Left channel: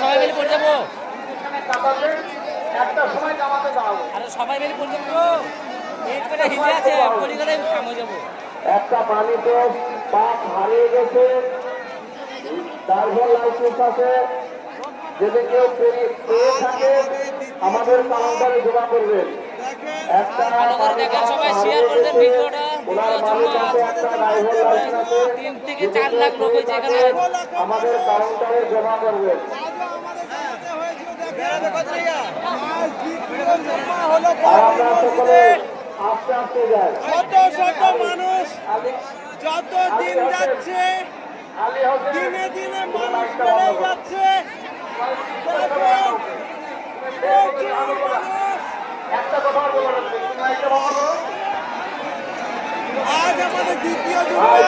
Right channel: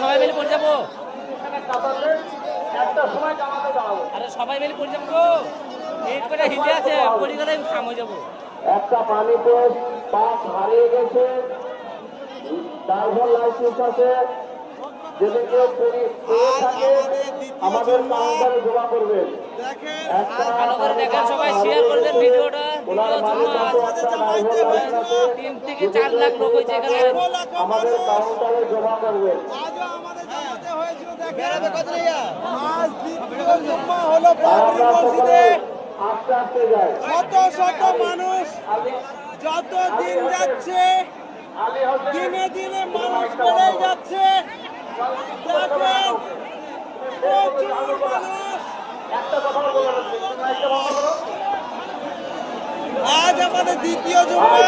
সবাই মিলে পড়ে যাবো, আরে সবাই মিলে পড়ে যাবো, হিটে আছে পড়ে গেলে খাম হয়ে যাবো। একটা পানিতে পাক হারিয়ে গেছে, ড্রাইভার লাইসেন্স আছে, যদি কেউ পেয়ে থাকে আমাদের কাউন্টারে জমা করবেন। ভালো করে দেখেন, সবাই শেয়ার করে দেন ভিডিওটা। দ্বিতীয় জুম্মা 3 থেকে 4 লাখ লোক হয়েছে এখানে। আমাদের কাউন্টারে জমা করবেন। আমরা সকলে আস্তে আস্তে যাই। শত শত মানুষ যত দিন যাচ্ছে, দিনে দিনে মানুষ বেড়ে যাচ্ছে। দেখেন প্রচুর মানুষ। আজ আমাদের দ্বিতীয় জুম্মা।